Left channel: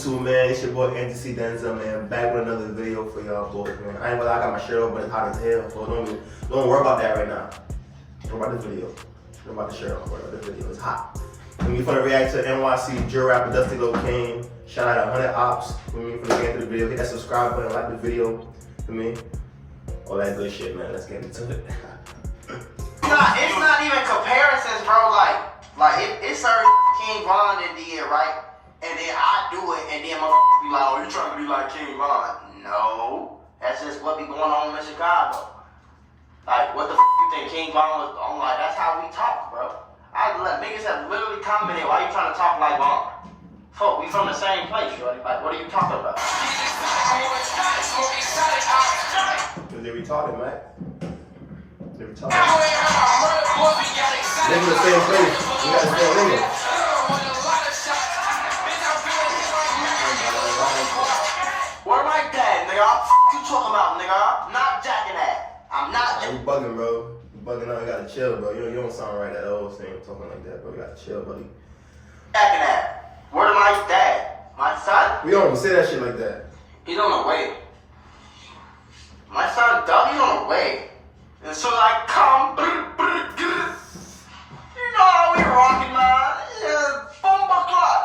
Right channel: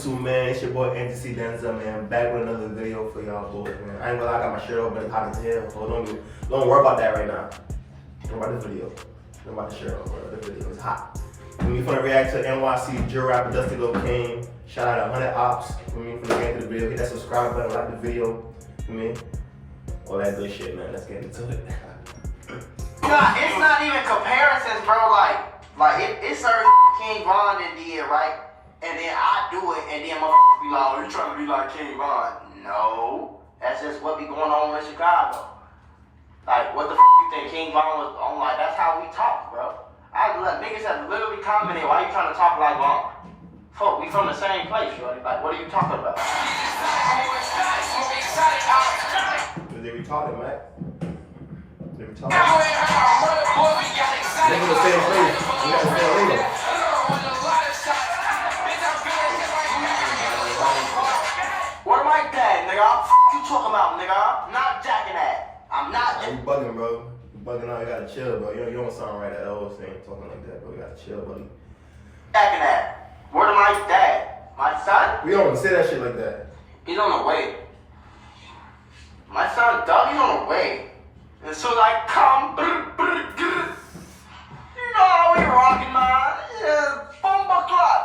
YouTube, man? It's your boy NTC Danzel, man. Back with another video for y'all boys, man. I ain't gonna lie, I got my shirt on, but it's hot as hell. So don't worry about that right now. Don't worry about this video. Don't worry about the shirt on, bro. This video is hot. When we finna react to NYC drill rapper Dusty LOCANE. Shout out to 100 OPPS. When we finna get into the video, hit that subscribe button, like the video. For me, all that good shit, man. Let's get into it. It's not even comparisons, bro. Like it's certain King Von that did, right? And then I do it, and then my be like, oh, you trying to be like King Von? No, that's just what be going on in Chicago. Like, what the you think King Von was on? Like, that's how we talk, bro. Niggas have literally commented, why you trying to talk like Von? Fuck, we from the same place, shorty. Like, what are you talking about? They retarded, man. They retarded. Niggas the same place. We got the same nigga. Where my dad, nigga? You talking about, nigga? I'm not jacking that. I'm not. You bugging, bro. You bugging out. You gotta chill, bro. You don't sound right at all saying talking like that, bro. You gotta chill, buddy. Jacking that. Where my dad? My son? We don't even say that shit like that. He's on the way. My son, Doug, he's on the way. And so I come, you know how we rockin', man. Yeah, bomba clock.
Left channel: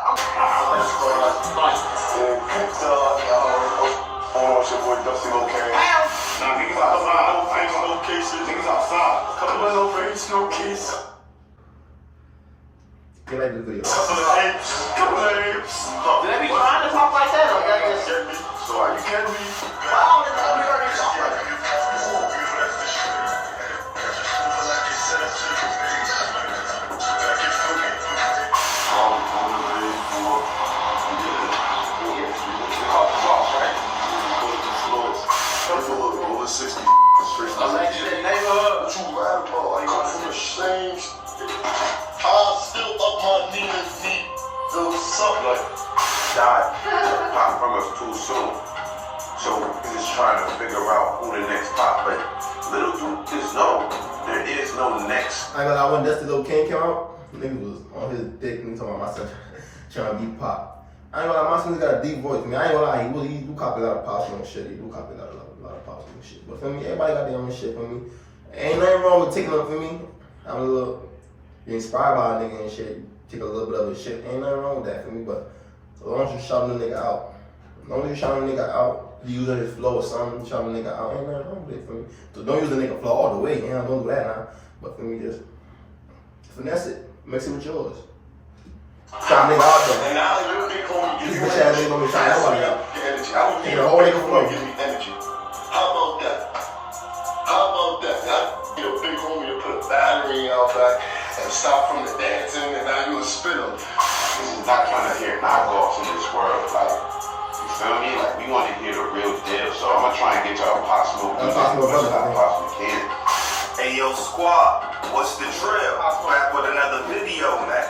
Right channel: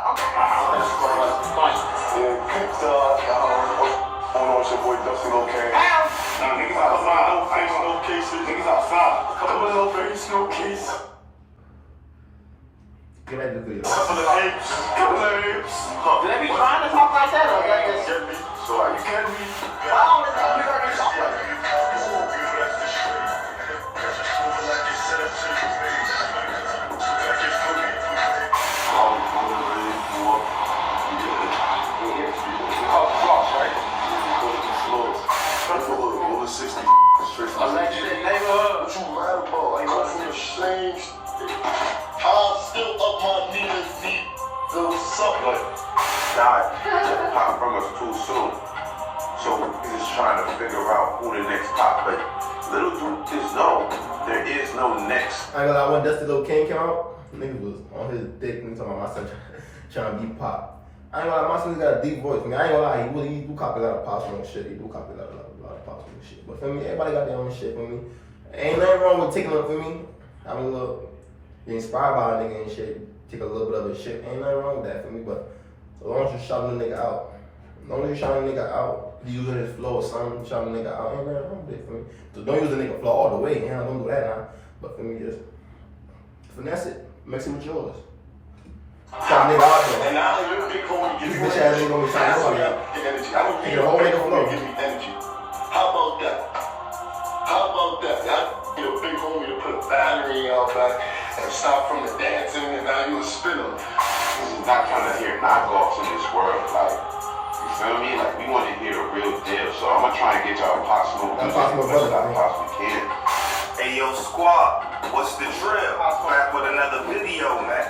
It's your boy Dusty LOCANE. Nah, niggas outside. No face, no cases. Niggas outside. Couple of no face, no case. Get like this video. Couple of apes. Couple of apes. Do they be trying to talk like that? Or they just Get me. So are you kidding me? wow, they talk like that. Mula 60. Neighborhood. What you mad about? Like, I'm from the same. I'm still up my niggas deep. So what's up? Like, died. Pop from us too soon. So we're just trying to figure out who the next pop. But little dude is known. There is no next. I ain't gonna lie, when Dusty LOCANE came out, niggas was on his dick and talking about my son trying to be pop. I ain't gonna lie, my son's got a deep voice. I mean, I ain't gonna lie, he do copy a lot of Pop Smoke shit. He do copy a lot of Pop Smoke shit. But for me, everybody got their own shit for me. Ain't nothing wrong with taking up for me. I'm a little inspired by a nigga and shit. Take a little bit of his shit. Ain't nothing wrong with that for me. But as long as you shouting the nigga out, as long as you shouting the nigga out, you using his flow or something, shouting the nigga out, ain't nothing wrong with it for me. So don't use the nigga flow all the way. Yeah, don't do that now. But for me, just finesse it. Mix it with yours. Shout nigga out there. And I don't even gonna give This you bitch ass nigga gonna be trying nobody out. energy. I don't Take need the whole nigga flow. give me energy. How about that? How about that? I need a big homie to put a battery out back and stop from the dancing, and now you a spinner. This is not trying to hear knockoffs in this world. Like, you feel me? Like, we want to hear the real deal. So I'm gonna try and get y'all possible as much as I possibly can. Hey yo, squad, what's the drill? Back with another video, man.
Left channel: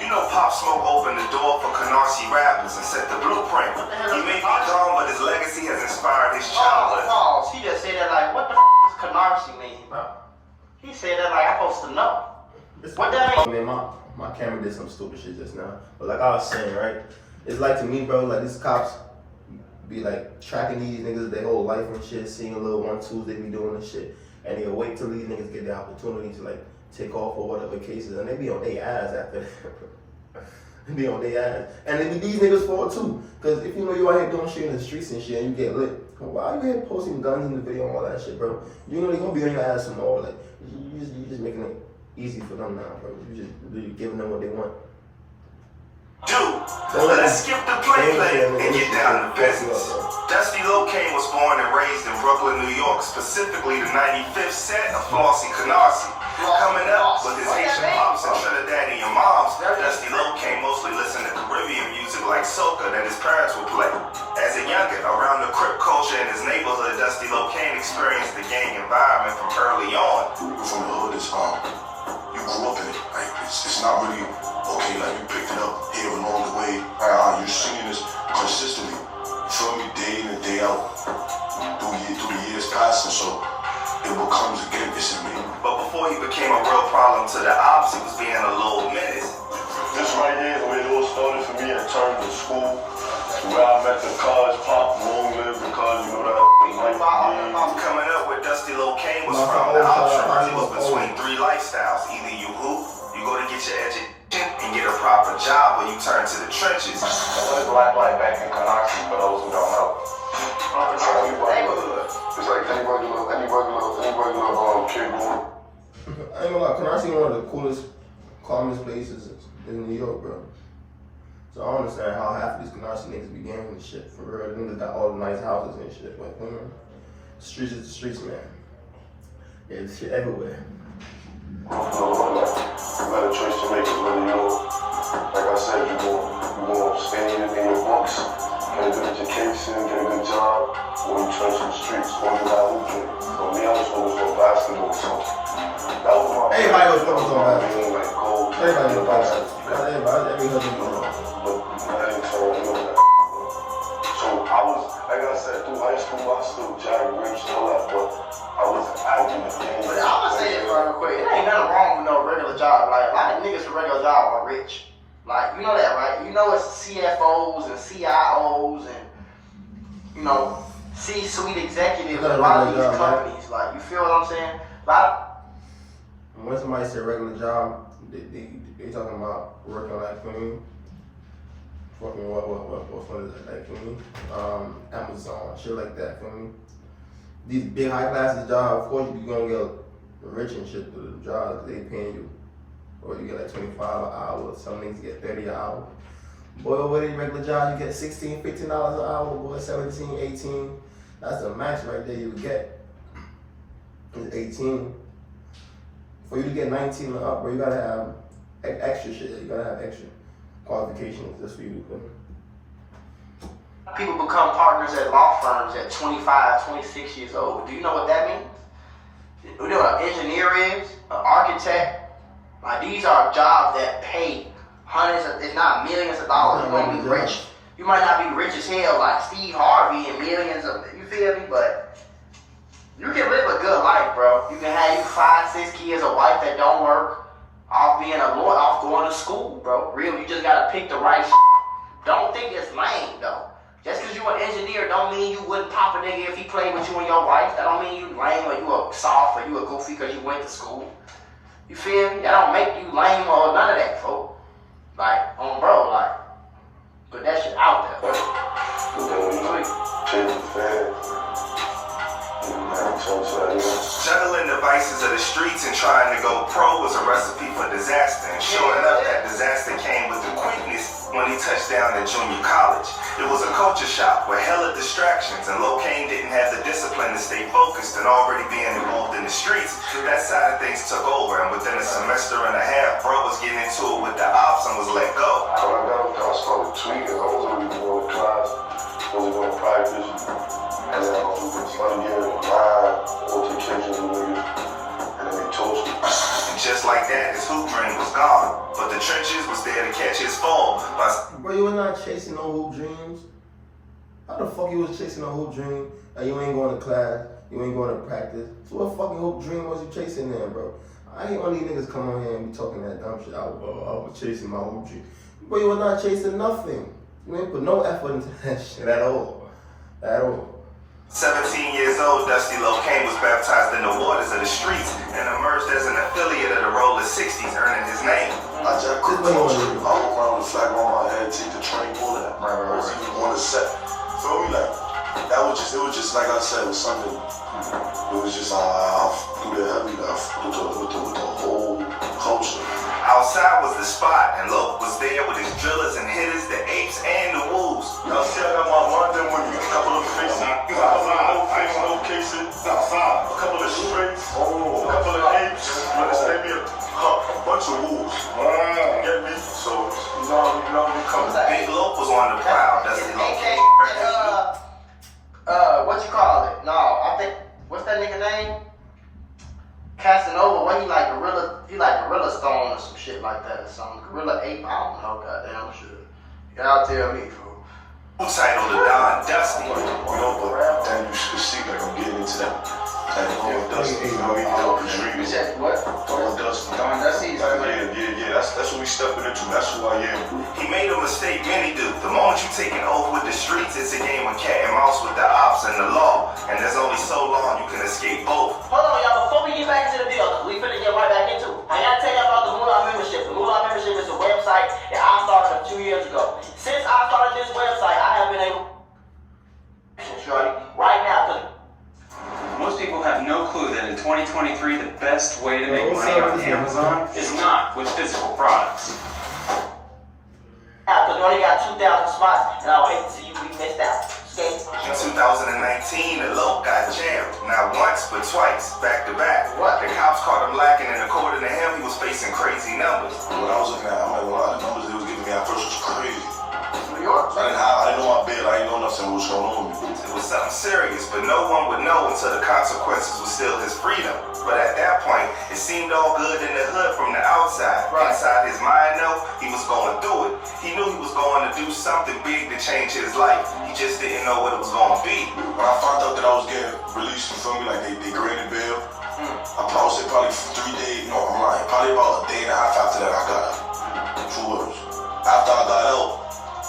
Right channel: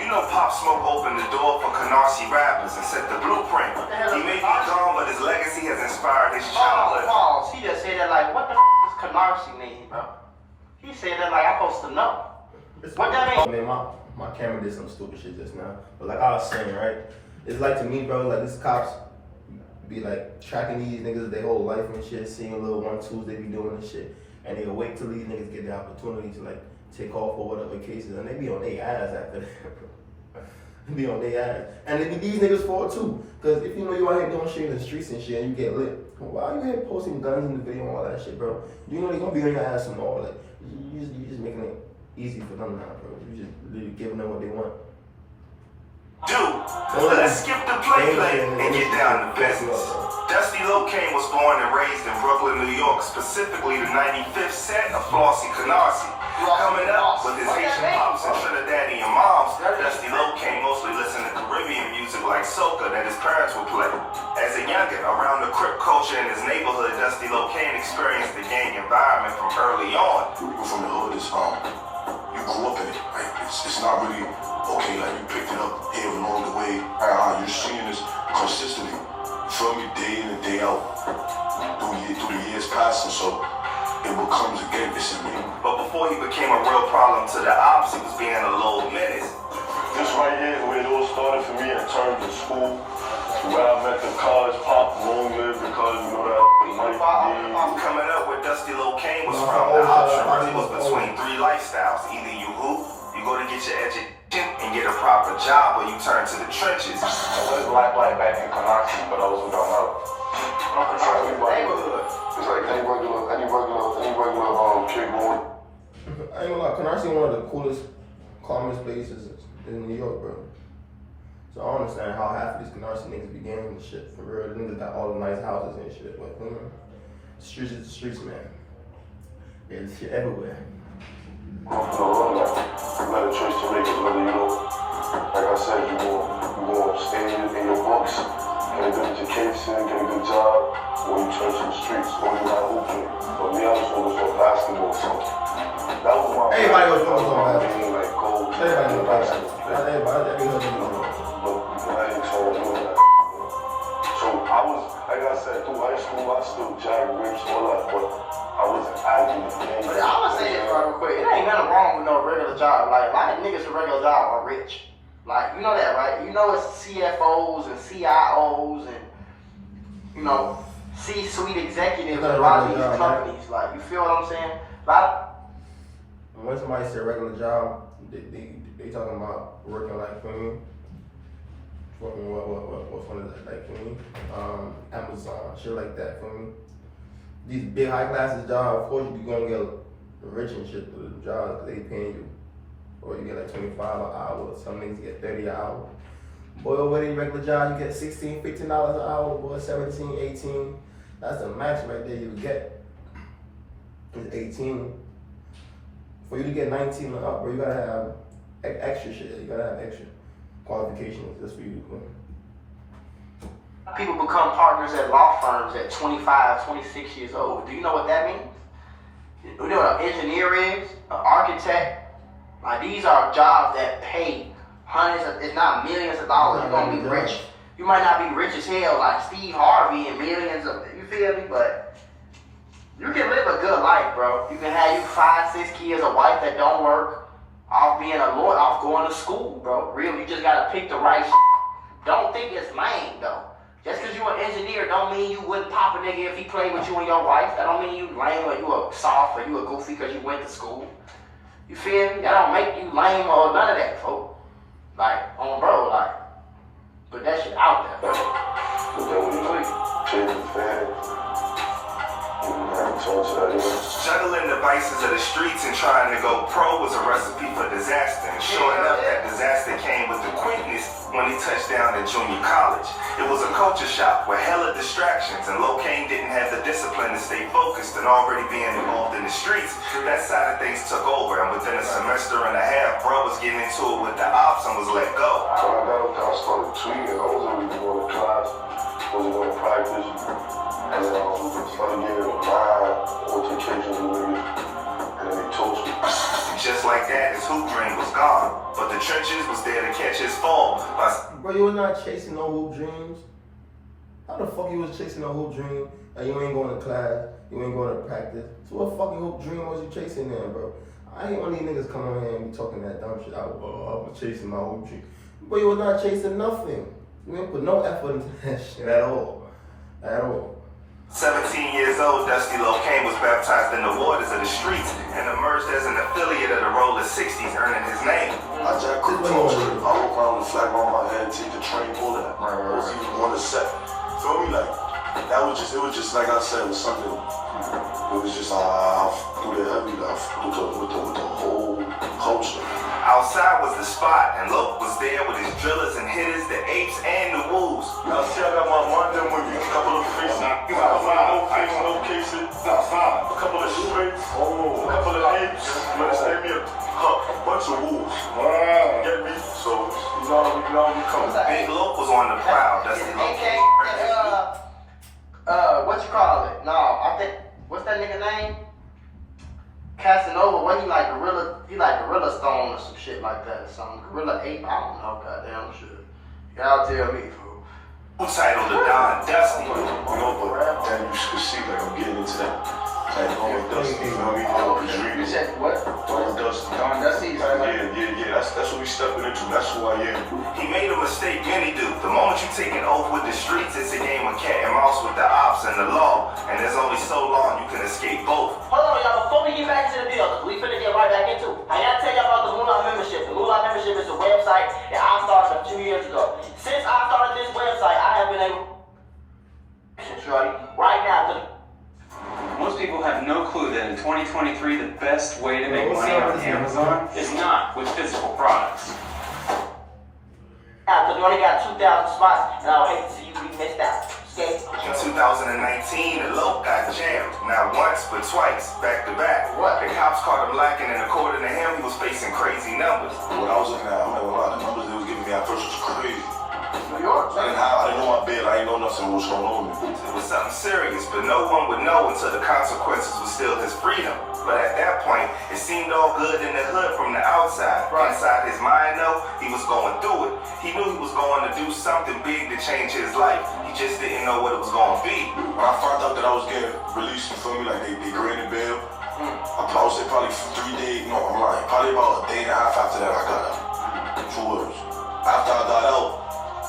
You know Pop Smoke opened the door for Canarsie rappers and set the blueprint. He may be gone, but his legacy has inspired his childhood. Pause. He just said that like, what the does Canarsie mean, bro? He said that like I'm supposed to know. What that mean? Man, my camera did some stupid shit just now. But like I was saying, right? It's like to me, bro, like these cops be like tracking these niggas their whole life and shit, seeing little 1-2s they be doing and shit. And they wait till these niggas get the opportunity to like take off or whatever cases, and they be on their ass after that, bro. They be on their ass. And it be these niggas for it too. Cause if you know you out here doing shit in the streets and shit and you get lit, why you here posting guns in the video and all that shit, bro? You know they gonna be on your ass and all that. You just making it easy for them now, bro. You just really giving them what they want. Dude, let's skip the play and get down to business. Dusty LOCANE was born and raised in Brooklyn, New York, specifically the 95th set of Flossie Canarsie. Coming up with his Haitian pops and Trinidadian moms, Dusty LOCANE mostly listened to Caribbean music like soca that his parents would play. As a youngin', around the Crip culture in his neighborhood, Dusty LOCANE experienced the gang environment from early on. People from the hood is you grew up in it. Like it's not really okay. Like you picked it up here along the way. You're seeing this consistently. You feel me? Day in and day out. Through the years passing, so it becomes again. It's in me. But before he became a real problem to the ops, he was being a little menace. This right here is where it all started for me in terms of school. Where I met the cuz, Pop, long live the cuz, you know that. Coming up where Dusty LOCANE was from, the option really was between three lifestyles. Either you hoop, you go to get your education and get a proper job, or you turn to the trenches. What is life like back in Canarsie for those who don't know? Neighborhood. It's like any regular kid going. I ain't gonna lie, Canarsie one of the coolest, calmest places in New York, bro. So I don't understand how half of these Canarsie niggas be ganging and shit. For real, the niggas got all the nice houses and shit. But, you know, the streets is the streets, man. Yeah, there's shit everywhere. You got a choice to make it whether you know, like I said, you go stay in your books, get a good education, get a good job, or you turn to the streets, or you got hooping. But me, I was focused on basketball, so that was my Everybody was focused on basketball. like gold. Everybody was basketball. Every husband knows. But I didn't tell you that. So I was, like I said, through high school, I still jagged rich and all that, but I wasn't acting the game. But I'm gonna say this real quick. It ain't nothing wrong with no regular job. Like, a lot of niggas with regular job are rich. Like, you know that, right? You know it's CFOs and CIOs and, you know, C-suite executives in a lot of these companies. Like, you feel what I'm saying? When somebody say regular job, they talking about working like for me. Fucking what's one of that, like for me? Amazon, shit like that for me. These big high classes jobs, of course you gonna get rich and shit for the jobs they paying you. Or you get like 25 an hour, some niggas get 30 an hour. Boy, over these regular jobs you get $16, $15 an hour, boy, 17, 18. That's the max right there you get. It's 18. For you to get 19 and up, bro, you gotta have extra shit. You gotta have extra qualifications just for you to put. People become partners at law firms at 25, 26 years old. Do you know what that means? You know what an engineer is? An architect? Like, these are jobs that pay hundreds of, if not millions of dollars. You're gonna be rich. You might not be rich as hell like Steve Harvey and millions of, you feel me? But you can live a good life, bro. You can have you 5, 6 kids, a wife that don't work, off being a lawyer, off going to school, bro. Really, you just gotta pick the right shit. Don't think it's lame, though. Just because you an engineer don't mean you wouldn't pop a nigga if he played with you and your wife. That don't mean you lame or you a soft or you a goofy because you went to school. You feel me? That don't make you lame or none of that, folks. Like, on bro, like, put that shit out there. But then when you change the fans, Juggling the vices of the streets and trying to go pro was a recipe for disaster. And sure enough, that disaster came with the quickness when he touched down in junior college. It was a culture shock with hella distractions, and LOCANE didn't have the discipline to stay focused and already being involved in the streets. That side of things took over, and within a semester and a half, bro was getting into it with the ops and was let go. When I started tweeting, I wasn't really going to class, wasn't going to practice. And then one year, 9 altercations with niggas, and then he told me. Just like that, his hoop dream was gone, but the trenches was there to catch his fall. Bro, you was not chasing no hoop dreams. How the fuck you was chasing a hoop dream and you ain't going to class, you ain't going to practice? So what fucking hoop dream was you chasing then, bro? I ain't one of these niggas come on here and be talking that dumb shit. I was chasing my hoop dream. Bro, you was not chasing nothing. You ain't put no effort into that shit at all. At all. 17 years old, Dusty LOCANE was baptized in the waters of the streets and emerged as an affiliate of the Roller 60s, earning his name. I just couldn't function. I walk around with a flag on my head, teeth to train, all that. I wasn't even on the set. Feel me? Like, it was just like I said, it was something. It was just, I threw the heavy, I with the whole culture. Outside was the spot, and Loc was there with his drillers and hitters, the apes and the wolves. Now see, I got my London with me, a couple of faces, a couple of cases, a couple of straights, a couple of apes, you understand me? A bunch of wolves. Get me? So, you know, we come. Big Loc was on the prowl, Dusty LOCANE. What you call it? No, I think, what's that nigga name? Casanova, what he like Gorilla Stone or some shit like that, or something. Gorilla Ape, I don't know, goddamn shit. Y'all tell me, fool. Who titled the Don Dusty? You know, but then you should see, like, I'm getting into that. Don Dusty, you know, he dope and You said what? Don Dusty. Don Dusty? Yeah, that's what we stepping into. That's who I am. He made a mistake many do. The moment you take an oath with the streets, it's a game of cat and mouse with the ops and the law. And there's only so long you can escape both. Hold on, y'all. Before we get back into the deal, we finna get right back into it. I gotta tell y'all about the Mula membership. The Mula membership is a website that I started 2 years ago. Since I started this website, I have been able right now. Most people have no clue that in 2023, the best way to make money on Amazon is not with physical products. Because we only got 2,000 spots, and I would hate to see you be missed out. Okay? In 2019, the Loc got jammed. Not once, but twice, back to back. What? The cops caught him lacking, and according to him, he was facing crazy numbers. What I was looking at, I'm not gonna lie, the numbers they was giving me at first was crazy. New York. I didn't know my bed, I didn't know nothing was going on with me. It was something serious, but no one would know until the consequences was still his freedom. But at that point, it seemed all good in the hood from the outside. Right. Inside his mind, though, he was going through it. He knew he was going to do something big to change his life. He just didn't know what it was going to be. When I found out that I was getting released, you feel me, like they graded bail, I would say probably 3 days, no, I'm lying, probably about a day and a half after that I got out. True words. After I got out,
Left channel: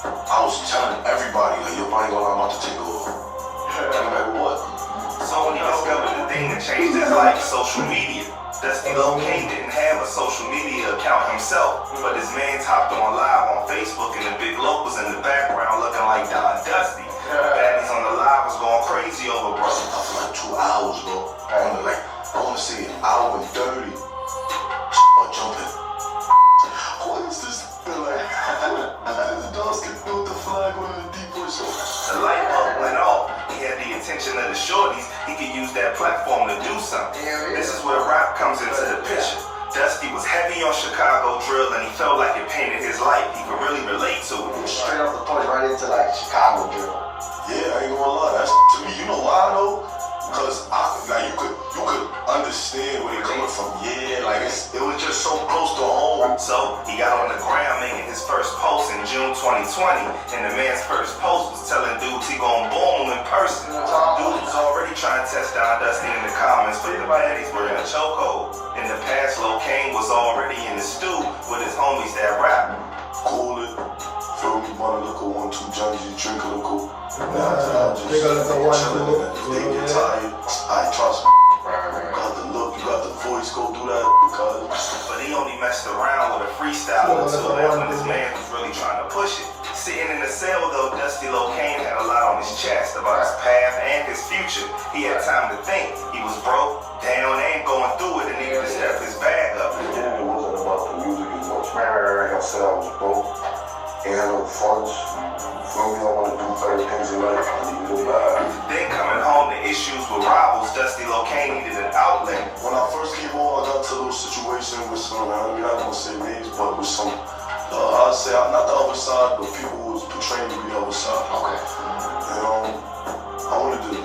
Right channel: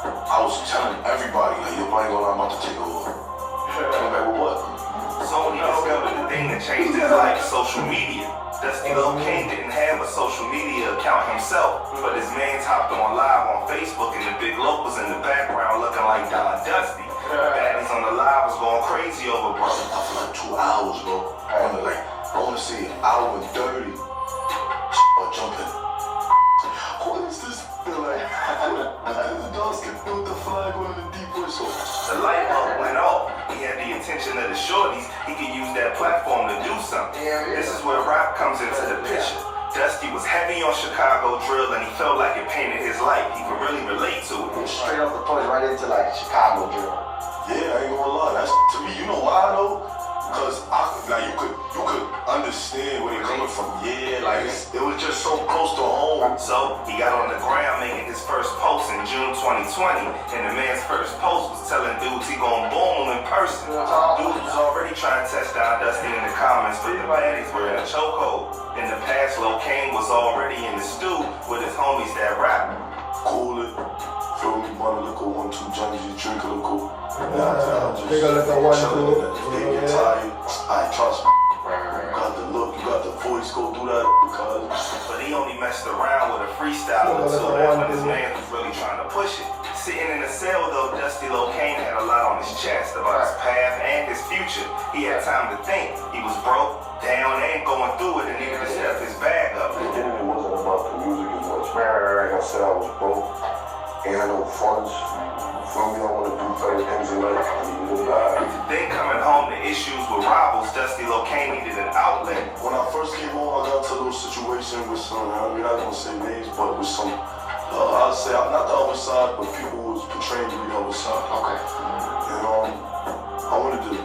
I was telling everybody, like, yo, I ain't gonna lie, I'm about to take over. I'm like, what? So when he discovered the thing that changed his life, social media. Dusty LOCANE didn't have a social media account himself, but his man hopped on live on Facebook and the big Loc was in the background looking like Don Dusty. Baddies on the live was going crazy over bro. I for like 2 hours, bro. I wanna say an hour and 30. Or jumping. What is this? Like, the dogs can do the flag with the deep voice. The light bulb went off. He had the attention of the shorties. He could use that platform to do something. This is where rap comes into the picture. Dusty was heavy on Chicago drill and he felt like it painted his life. He could really relate to it. Straight off the point right into like Chicago drill. Yeah, I ain't gonna lie. That's to me. You know why though? Because you could understand where you're coming from. Yeah, like it was just so close to home. So he got on the ground making his first post in June 2020, and the man's first post was telling dudes he gonna boom him in person. Dudes was already trying to test down Dusty in the comments, but the baddies were in a chokehold. In the past, LOCANE was already in the stew with his homies that rap. Cool it. Feel me, bun a liquor, 1, 2 junkies, you drink a liquor. Drink a liquor, 1, 2. They get tired. I trust me. You got the look, you got the voice, go do that, cuz. But he only messed around with a freestyle or two. That's when his man was really trying to push it. Sitting in the cell though, Dusty LOCANE had a lot on his chest about his path and his future. He had time to think. He was broke, down, and going through it and needed to step his bag up. Beginning, it wasn't about the music as much. Like I said, I was broke. Ain't had no funds. Feel me? I want to do better things in life. I needed a bag. Then coming home to issues with rivals, Dusty LOCANE needed an outlet. When I first came home, I got into a little situation with some, I mean, I don't say names, but with some, I'd say, not the other side, but people who was portraying to be the other side. Okay. And I wanted to do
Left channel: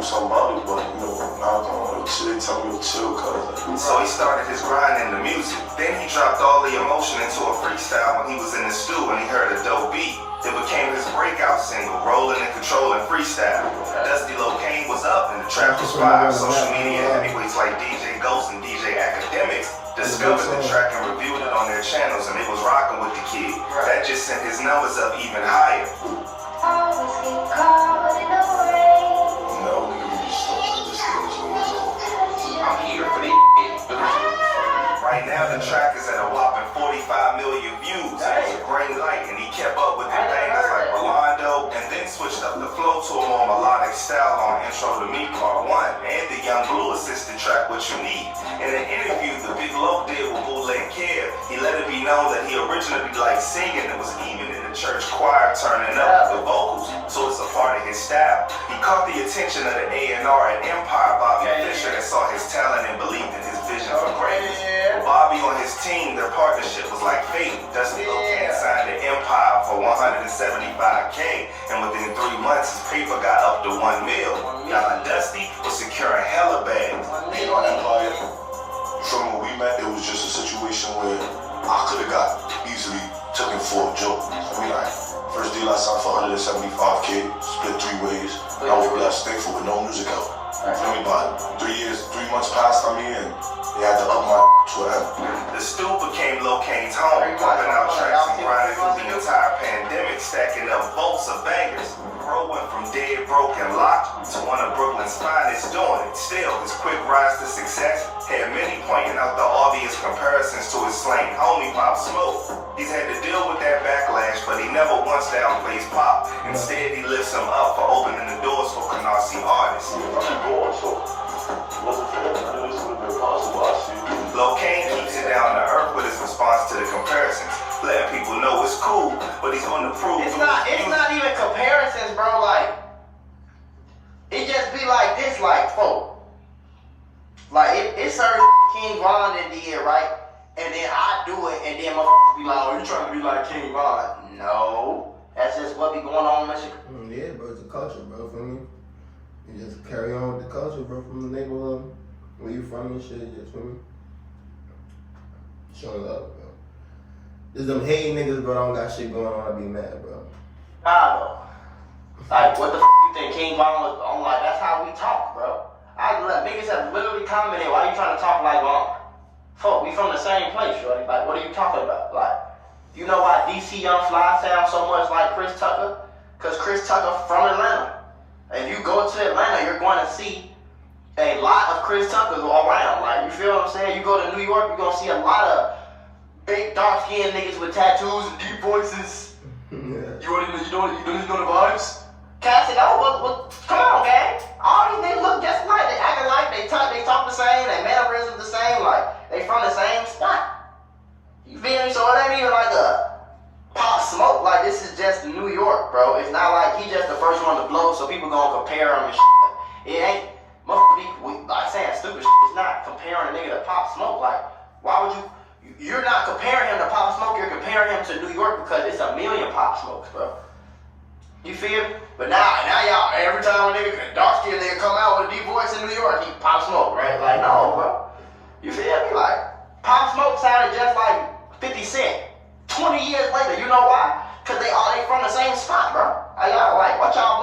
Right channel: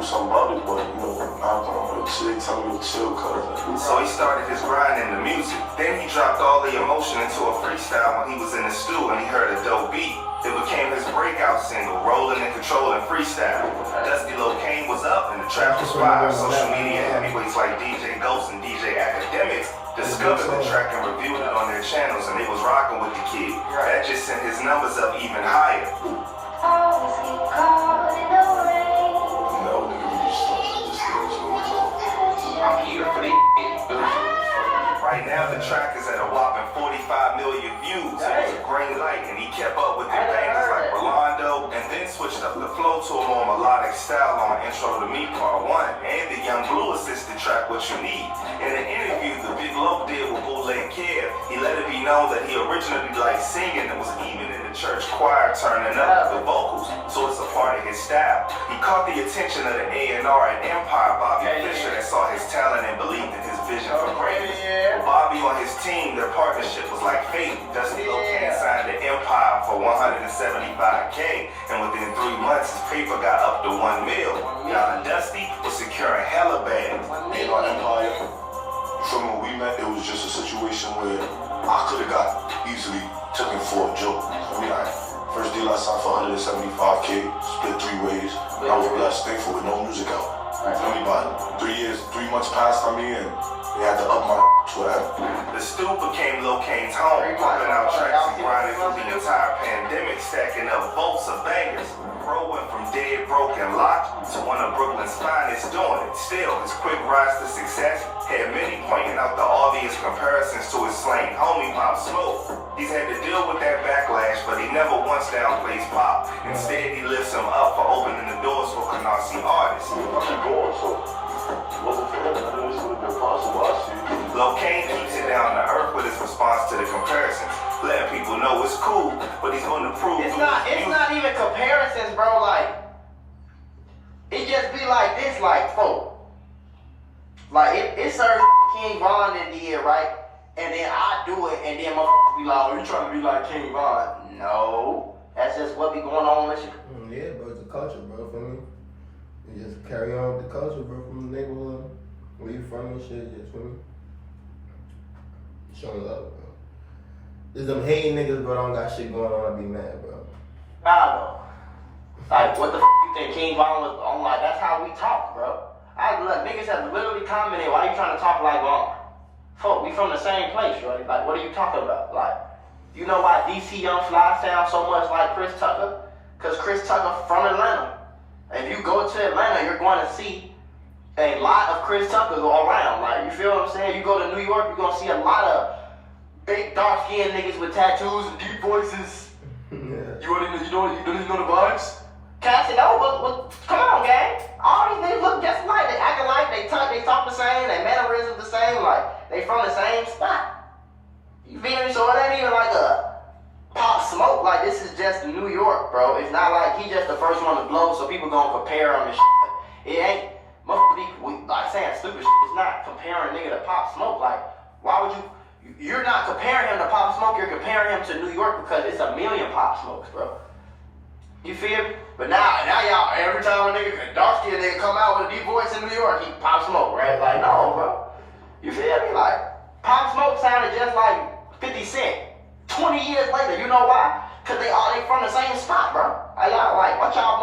something about it, but, you know, I don't know, they tell me to chill, cuz. So he started his grind in the music. Then he dropped all the emotion into a freestyle when he was in the stew and he heard a dope beat. It became his breakout single, Rolling and Controlling Freestyle. Dusty LOCANE was up and the trap was fire. Social media heavyweights like DJ Ghost and DJ Academics discovered the track and reviewed it on their channels and they was rocking with the kid. That just sent his numbers up even higher. No, nigga, we just started this stage, I'm here for the Right now, the track is at a whopping 45 million views. It was a green light, and he kept up with the bangers like Rolando, and then switched up the flow to a more melodic style on Intro to Me Part 1, and the Young Blue assisted track What You Need. In an interview the Big Loc did with Bootleg Kid, he let it be known that he originally liked singing and was even in the church choir turning up the vocals, so it's a part of his style. He caught the attention of the A&R at Empire, Bobby Fischer, that saw his talent and believed in his vision for greatness. With Bobby on his team, their partnership was like fate. Dusty LOCANE signed to Empire for $175K, and within 3 months, his paper got up to $1 million. Now Dusty was securing hella bags. Being on Empire, from when we met, it was just a situation where I could have got easily taken for a joke. I mean, first deal I signed for $175K, split 3 ways. I was blessed, thankful with no music out. Feel me? About 3 years, 3 months passed on me, and they had to up my whatever. The stoop became LOCANE's home, pumping out tracks and grinding through the entire pandemic, stacking up volts of bangers. Bro went from dead, broke, and locked to one of Brooklyn's finest doing it. Still, his quick rise to success had many pointing out the obvious comparisons to his slain homie Pop Smoke. He's had to deal with that backlash, but he never once downplays Pop. Instead, he lifts him up for opening the doors for Canarsie artists. I keep going, so it wasn't for that. I knew this would have been possible. I see. LOCANE keeps it down to earth with his response to the comparisons, letting people know it's cool, but he's going to prove It's not even comparisons, bro. Like, it just be like this, like, folk. Like, it's certain King Von that did, right? And then I do it, and then motherfuckers be like, oh, you trying to be like King Von? No. That's just what be going on in Michigan. Yeah, bro, it's a culture, bro, for me. You just carry on with the culture, bro, from the neighborhood, where you from and shit, just for me. Showing love, bro. There's them hating niggas, bro, don't got shit going on, I be mad, bro. Nah, bro. Like, what the you think King Von was on? Like, that's how we talk, bro. Niggas have literally commented, why you trying to talk like Von? Fuck, we from the same place, shorty. Like, what are you talking about? Like, you know why DC Young Fly sounds so much like Chris Tucker? Because Chris Tucker from Atlanta. If you go to Atlanta, you're going to see a lot of Chris Tuckers all around. Like, you feel what I'm saying? You go to New York, you're going to see a lot of big, dark-skinned niggas with tattoos and deep voices. Yeah. You know the vibes? Cats it over. Come on, gang. All these niggas look just alike. They acting like they talk the same, they mannerisms the same, like they from the same spot. You feel me? So it ain't even like a Pop Smoke. Like, this is just New York, bro. It's not like he just the first one to blow, so people gonna compare him and shit. It ain't motherfucker like saying stupid shit. It's not comparing a nigga to Pop Smoke. Like, why would you? You're not comparing him to Pop Smoke. You're comparing him to New York because it's a million Pop Smokes, bro. You feel me? But now y'all, every time a nigga, dark skin nigga come out with a deep voice in New York, he Pop Smoke, right? Like, no, bro. You feel me? Like, Pop Smoke sounded just like 50 Cent. 20 years later, you know why? Because they from the same spot, bro. Y'all like, what y'all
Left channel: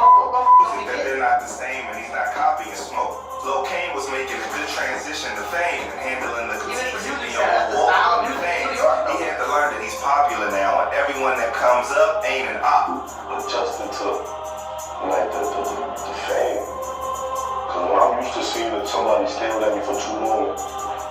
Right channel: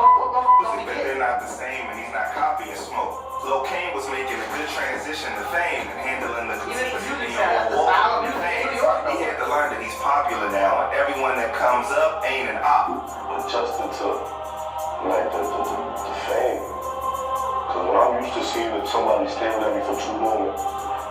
think that they're not the same and he's not copying Smoke. LOCANE was making a good transition to fame and handling the critiques of fame. He had to learn that he's popular now and everyone that comes up ain't an op. Adjusting to like the fame. Cause when I'm used to seeing somebody staring at me for too long,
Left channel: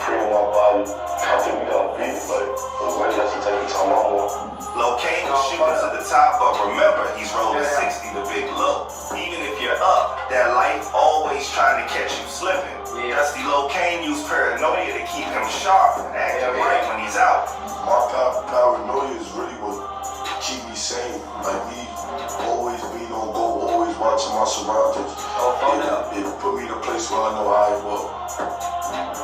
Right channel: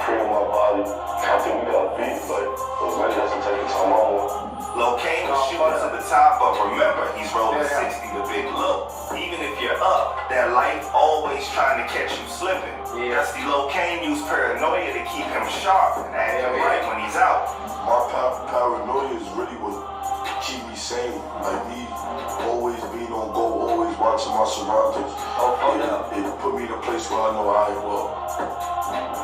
preying on my body, I think we gotta beat it. Like, maybe that's the type of time I want. LOCANE was shooting to the top, but remember, he's rolling 60, the big look. Even if you're up, that light always trying to catch you slipping. Dusty LOCANE used paranoia to keep him sharp and acting right when he's out. My paranoia is really what keep me sane. Like, me always being on go, always watching my surroundings. It put me in a place where I know I will.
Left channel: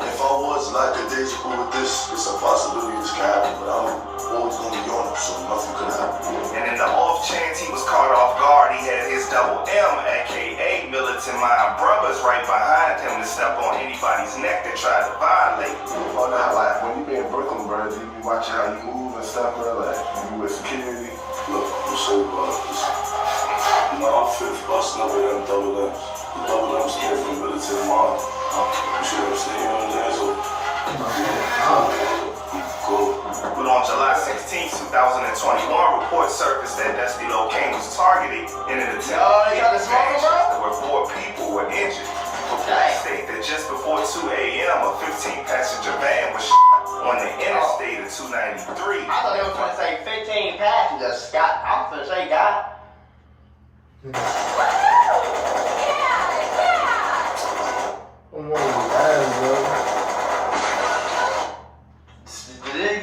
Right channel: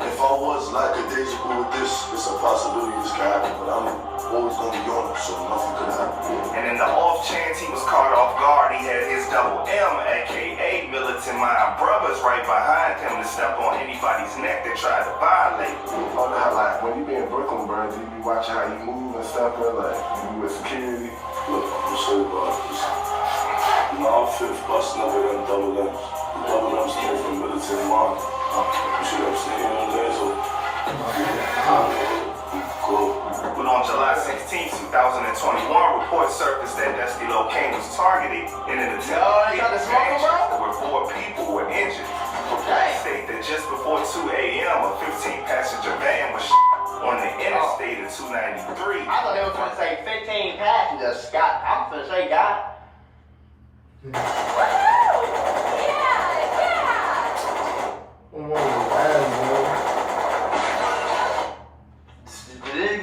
If I was lackadaisical with this, it's a possibility this can happen, but I'm always gonna be on it, so nothing could happen. And in the off chance he was caught off guard, he had his double M, aka Militant Mind Brothers, right behind him to step on anybody's neck that tried to violate. Oh, now, like, when you be in Brooklyn, bro, you be watching how you move and stuff, bro, like, you with security. Look, I'm so my outfit busting away them double M's. The double M's came from Militant Mind. You see what I'm saying? You know what I'm saying? So, cool. But on July 16, 2021, reports surfaced that Dusty LOCANE was targeted in an attempt to hit his Manchester where 4 people were injured. Reports state that just before 2 a.m., a 15-passenger van was shot on the interstate of 293. I thought they were going to say 15 passengers, Scott. I'm going to say, God.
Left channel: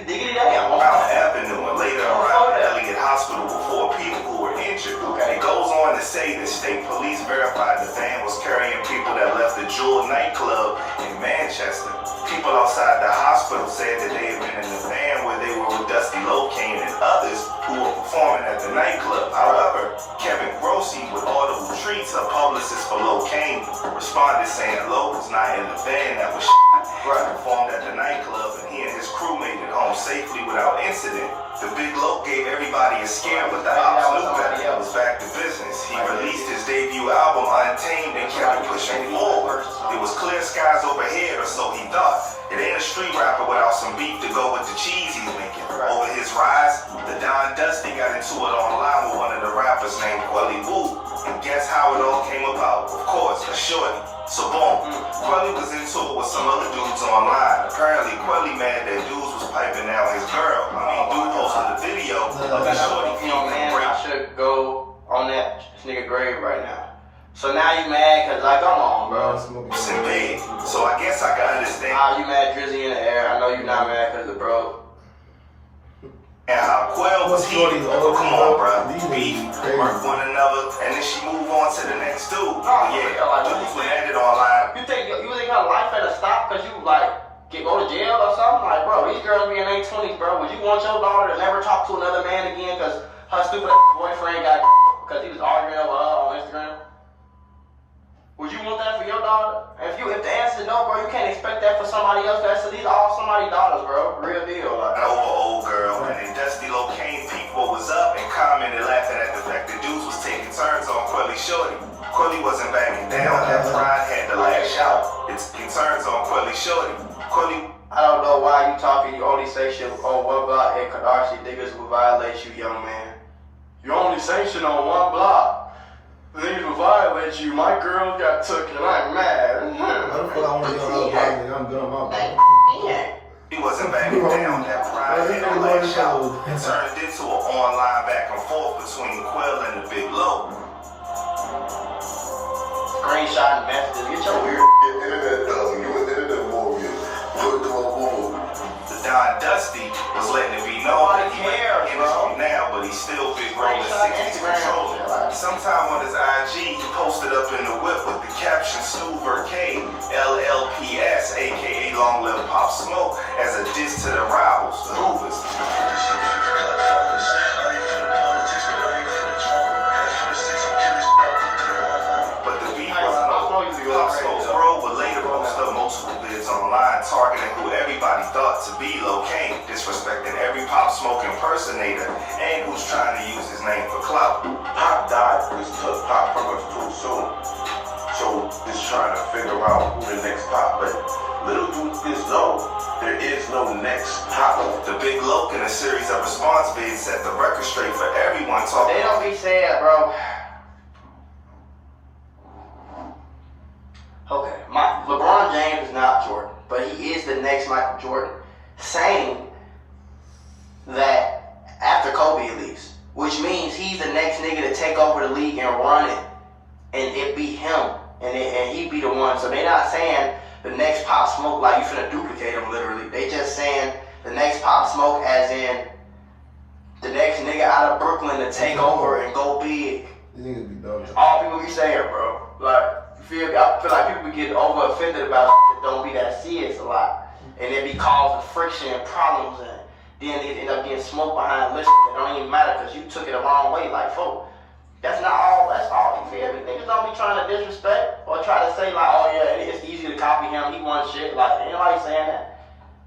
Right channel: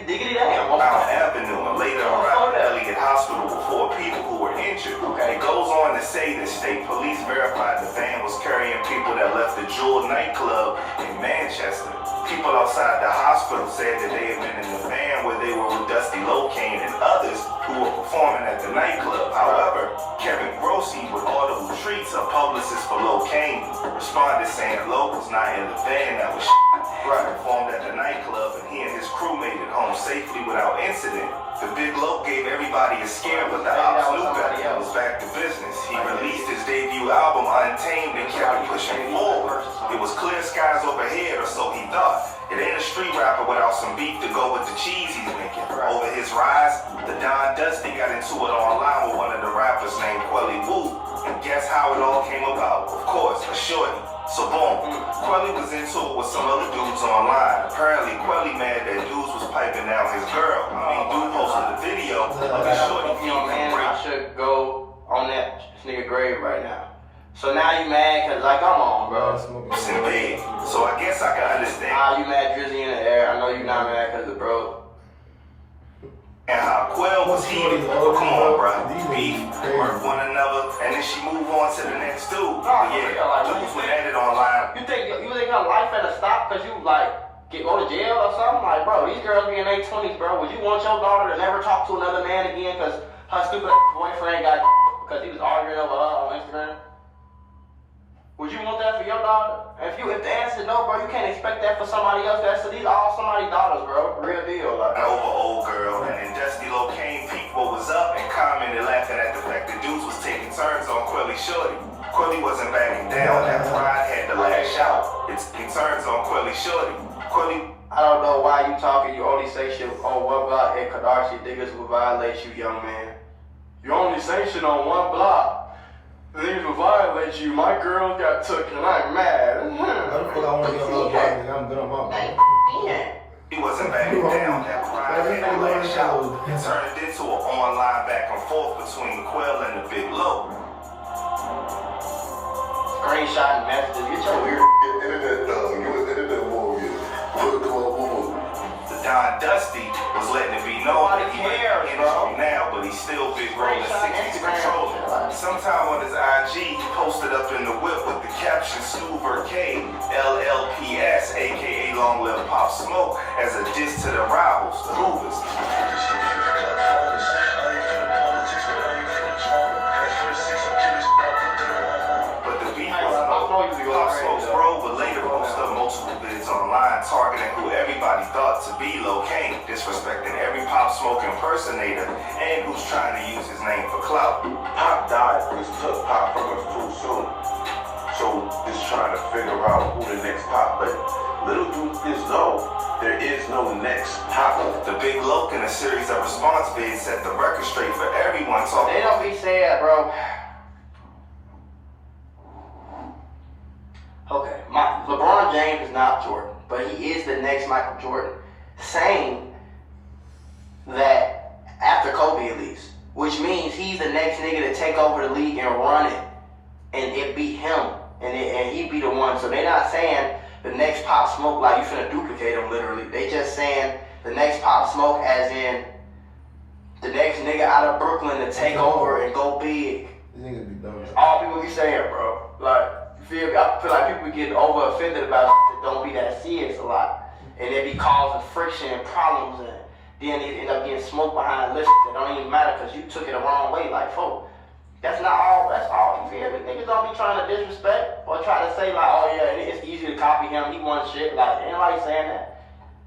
Diggity damn. Mount Avenue and later around Elliott Hospital with 4 people who were injured. It goes on to say that state police verified the van was carrying people that left the Jewel nightclub in Manchester. People outside the hospital said that they had been in the van where they were with Dusty LOCANE and others who were performing at the nightclub. However, Kevin Grossi with Audible Treats, a publicist for LOCANE, responded saying locals not in the van that was shot Performed at the nightclub, and he and his crew made it home safely without incident. The Big Loc gave everybody a scare, but the ops knew better. He was back to business. He released his debut album, Untamed, and kept pushing forward. It was clear skies overhead, or so he thought. It ain't a street rapper without some beef to go with the cheese he's making. Over his rise, the Don Dusty got into it online with one of the rappers named Quelly Wu. And guess how it all came about? Of course, a shorty. So boom, Quelly was into it with some other dudes online. Apparently, Quelly mad that dudes was piping down his girl. Dude posted a video of the shorty feeling I should go on that nigga grave right now. So now you mad cause like, come on, bro. in bed. So I guess I can understand. How you mad Drizzy in the air? I know you not mad cause of bro. And how Quell was heated. Come on, bro. Beef, work one another, and then she move on to the next dude. Dudes were ended online. You think her life had to stop cause you like go to jail or something? Like, bro, these girls be in their 20s, bro. Would you want your daughter to never talk to another man again cause her stupid boyfriend got because he was arguing over her on Instagram? Would you want that for your daughter? If the answer is no, bro, you can't expect that for somebody else. These are all somebody's daughters, bro. Real deal. Like. Over old girl, and then Dusty LOCANE peeped what was up and commented laughing at the fact that dudes was taking turns on Quelly shorty. Quelly wasn't backing down. That pride had to lash out. It's taking turns on Quelly shorty. Quelly. I don't know why you talking. You only say shit on one block in Kadashi. Niggas will violate you, young man. You only say shit on one block. Things will violate you. My girl got took and I'm mad. I'm good on my body. He wasn't backing down. That pride had to lash out. It turned into an online back and forth between Quell and the Big Loc. Screenshot messages. Get your weird Internet dog. You was internet warrior. The Don Dusty was letting it be known that he might be from now, but he's still big rolling 60s controlling. Sometime on his IG, he posted up in the whip with the caption Snoover K, LLPS, aka Long Live Pop Smoke, as a diss to the rivals, the Hoovers. But the beat wasn't Pop Smoke's bro, but later posted up multiple vids online targeting who everybody thought to be LOCANE, disrespecting every Pop Smoke impersonator and who's trying to use his name for clout. Pop died because took Pop from us too soon. So just trying to figure out who the next Pop, but little dudes know there is no next Pop. The Big Loc in a series of response vids set the record straight for everyone talking. They don't be sad, bro. Okay, LeBron James is not Jordan, but he is the next Michael Jordan. Saying that after Kobe leaves, which means he's the next nigga to take over the league and run it, and it be him, and he be the one. So they not saying the next Pop Smoke like you finna duplicate him literally. They just saying the next Pop Smoke as in the next nigga out of Brooklyn to take over and go big. These niggas be dumb. All people be saying, bro. Like. I feel like people be getting over offended about shit that don't be that serious a lot. And it be causing friction and problems, and then it end up getting smoked behind lists that don't even matter because you took it the wrong way. Like, folk, that's all, you feel me? Niggas don't be trying to disrespect or try to say like, oh yeah, it's easy to copy him, he won shit. Like, ain't nobody saying that.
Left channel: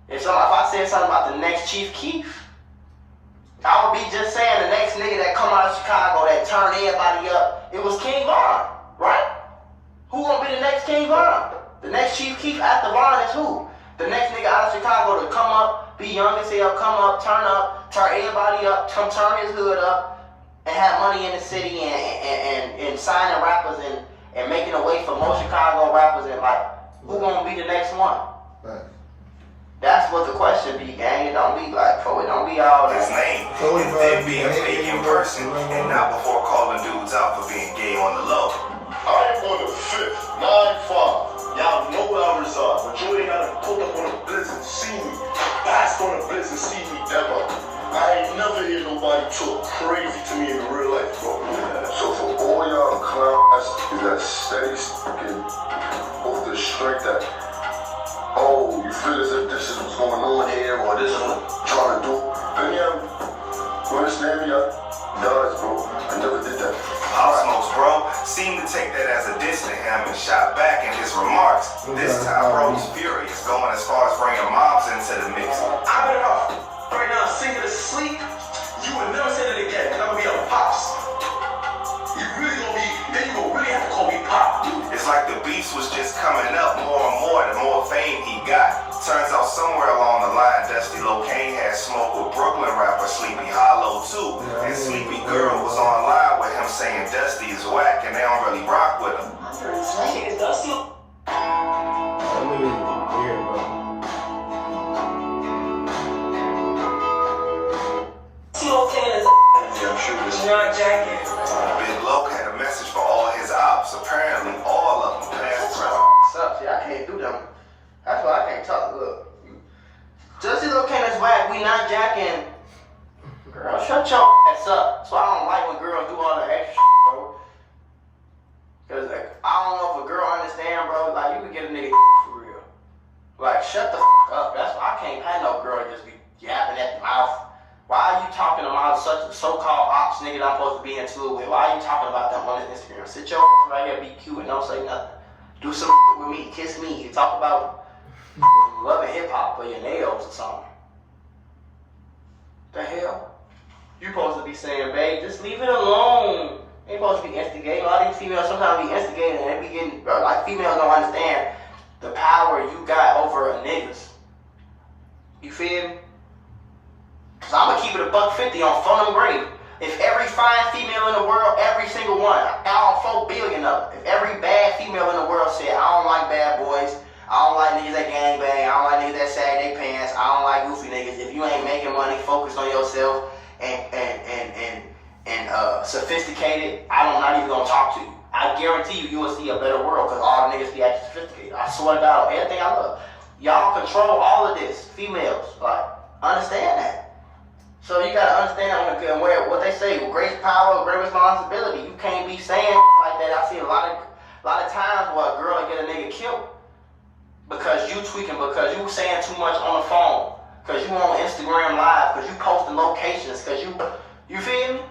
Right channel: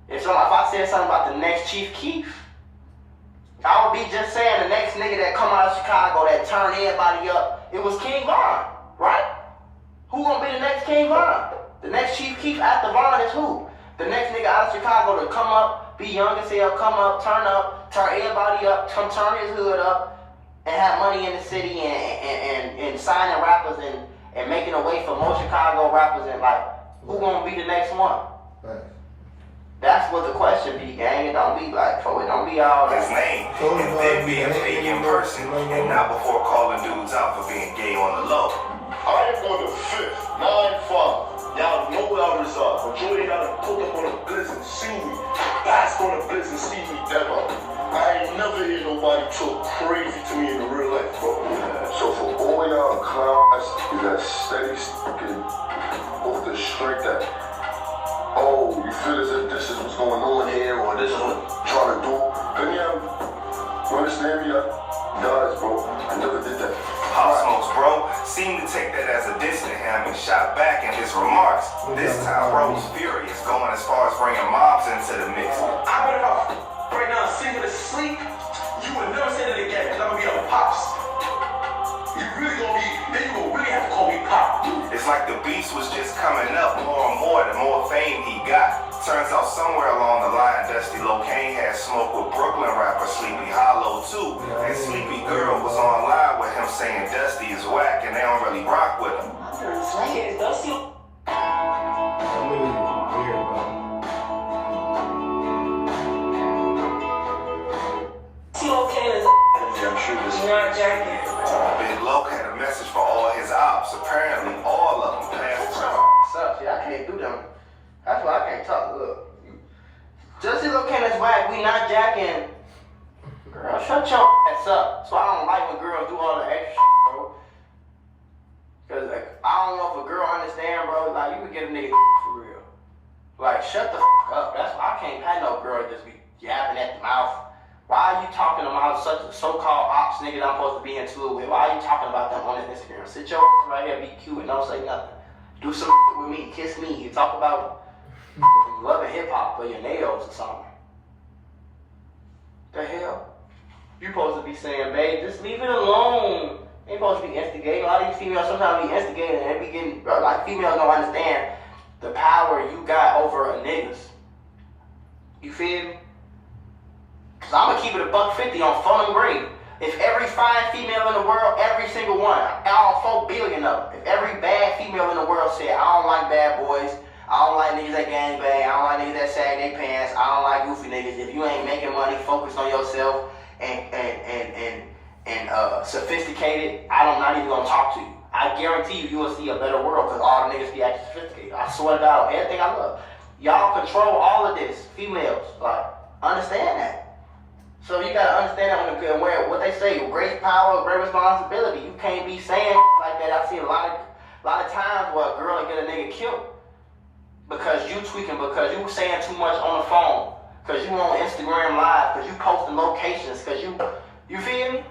If I said something about the next Chief Keef, I would be just saying the next nigga that come out of Chicago that turn everybody up, it was King Von, right? Who gonna be the next King Von? The next Chief Keef after Von is who? The next nigga out of Chicago to come up, be young as hell, come up, turn everybody up, turn his hood up, and have money in the city and signing rappers and making a way for more Chicago rappers and like, who gonna be the next one? Right. That's what the question be, gang. It don't be like, it don't be all that. His name, and then being fake in person, and not before calling dudes out for being gay on the low. I am on the 5th, 9-5. Y'all know where I reside. Majority gotta pull up on the blitz and see me. Bask on the blitz and see me ever. I ain't never hear nobody talk crazy to me in real life, bro. So for all y'all clowns, is that steady sticking off the strength that, oh, you feel as if this is what's going on here, or this is what I'm trying to do. Then yeah, you understand me? Does, bro. I never did that. Pop Smoke's bro seemed to take that as a diss to him and shot back in his remarks. This time, bro was furious, going as far as bringing moms into the mix. I better off right now singing to sleep. You would never say that again, because I'm gonna be a pops. You really gonna be, then you gonna really have to call me pop. It's like the beefs was just coming up more and more, the more fame he got. Turns out somewhere along the line, Dusty LOCANE had smoke with Brooklyn rapper Sleepy Hollow too. And Sleepy Girl was online with him saying Dusty is whack and they don't really rock with him. I'm very excited. Is Dusty? That movie was weird, bro. LOCANE is Yeah, I'm sure this. not jacking. Big Loc had a message for all his ops. Apparently, all of them passed Shut out. your up. See, I can't do them. That's why I can't talk. Look. Dusty LOCANE is whack. We not jacking. Girl, shut your ass up. So I don't like when girls do all the extra shit, bro. Cause like, I don't know if a girl understand, bro. Like, you could get a nigga for real. Like, shut the up. That's why I can't have no girl just be yapping at the mouth. Why are you talking about such a so-called ops nigga that I'm supposed to be in tune with? Why are you talking about them on his Instagram? Sit your right here, be cute, and don't say nothing. Do some with me, kiss me. You talk about loving hip-hop for your nails or something. The hell? You supposed to be saying, babe, just leave it alone. Ain't supposed to be instigating. A lot of these females sometimes be instigating and they be getting, bro, like females don't understand the power you got over a niggas. You feel me? Cause I'ma keep it $150 on phone and grade. If every fine female in the world, every single one, all 4 billion of them, if every bad female in the world said, I don't like bad boys, I don't like niggas that gangbang, I don't like niggas that sag their pants, I don't like goofy niggas. If you ain't making money, focused on yourself and sophisticated, I'm not even gonna talk to you. I guarantee you, you will see a better world because all the niggas be acting sophisticated. I swear to God, everything I love. Y'all control all of this, females. Like, understand that. So you gotta understand that when what they say, great power, great responsibility. You can't be saying like that. I see a lot of times where a girl will get a nigga killed because you tweaking, because you saying too much on the phone, because you on Instagram Live, because you posting locations, because you feel me?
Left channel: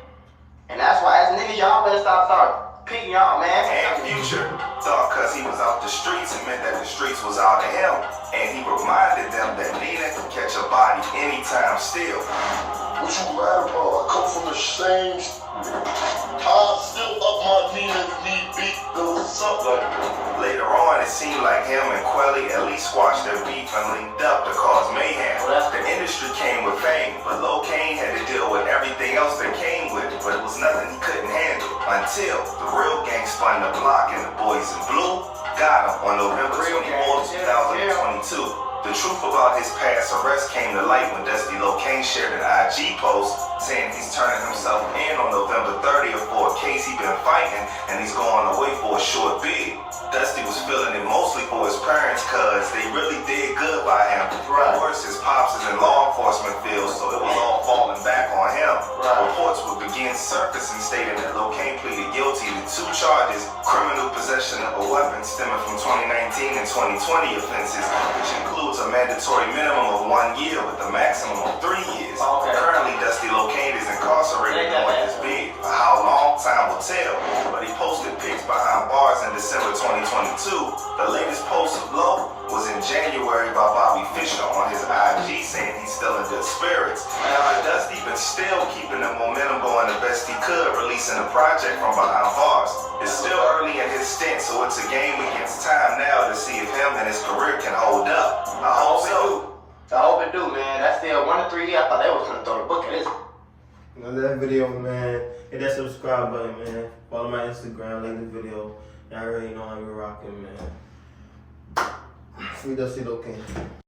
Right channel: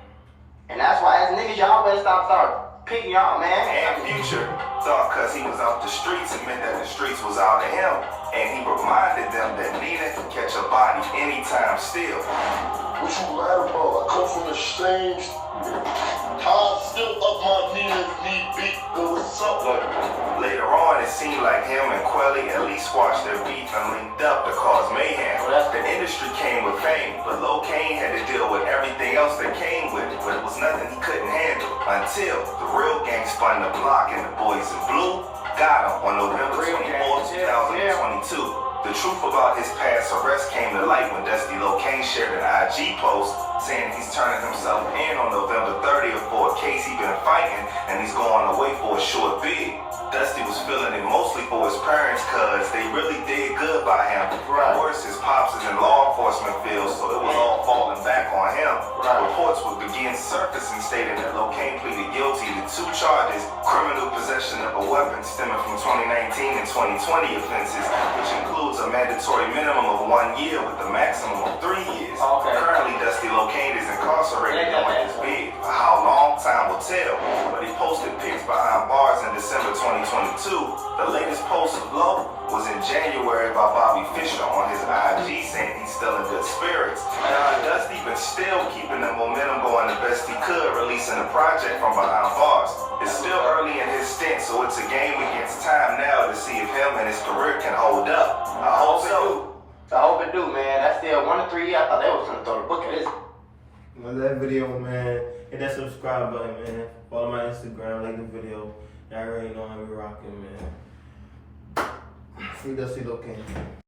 And that's why as niggas, y'all better start picking y'all, man. And Future thought because he was out the streets, it meant that the streets was out of him. And he reminded them that Nina can catch a body anytime still. What you mad about? I come from the same. I still up my knee if need be. What's up? Later on, it seemed like him and Quelly at least squashed their beef and linked up to cause mayhem. The industry came with fame, but LOCANE had to deal with everything else that came with it, but it was nothing he couldn't handle until the real gang spun the block and the boys in blue got him on November 24, 2022. The truth about his past arrest came to light when Dusty LOCANE shared an IG post saying he's turning himself in on November 30th for a case he's been fighting and he's going away for a short bid. Dusty was feeling it mostly for his parents cause they really did good by him. Right. Worse, his pops is in law enforcement field, so it was all falling back on him. Right. Reports would begin surfacing stating that LOCANE pleaded guilty to 2 charges, criminal possession of a weapon stemming from 2019 and 2020 offenses, which includes a mandatory minimum of 1 year with a maximum of 3 years. Okay. Currently, Dusty LOCANE is incarcerated on his bid. For how long, time will tell. But he posted pics behind bars in December 2022. The latest post of Loc was in January by Bobby Fischer on his IG saying he's still in good spirits. And Dusty been still keeping the momentum going the best he could, releasing a project from behind bars. It's still early in his stint, so it's a game against time now to see if him and his career can hold up. I hope so. I hope it do, man. That's still 1 to 3 years. I thought they was gonna throw the book at this. Love that video, man. Hit that subscribe button, man. Follow my Instagram, like the video. Y'all already know how we rocking, man. Free Dusty LOCANE.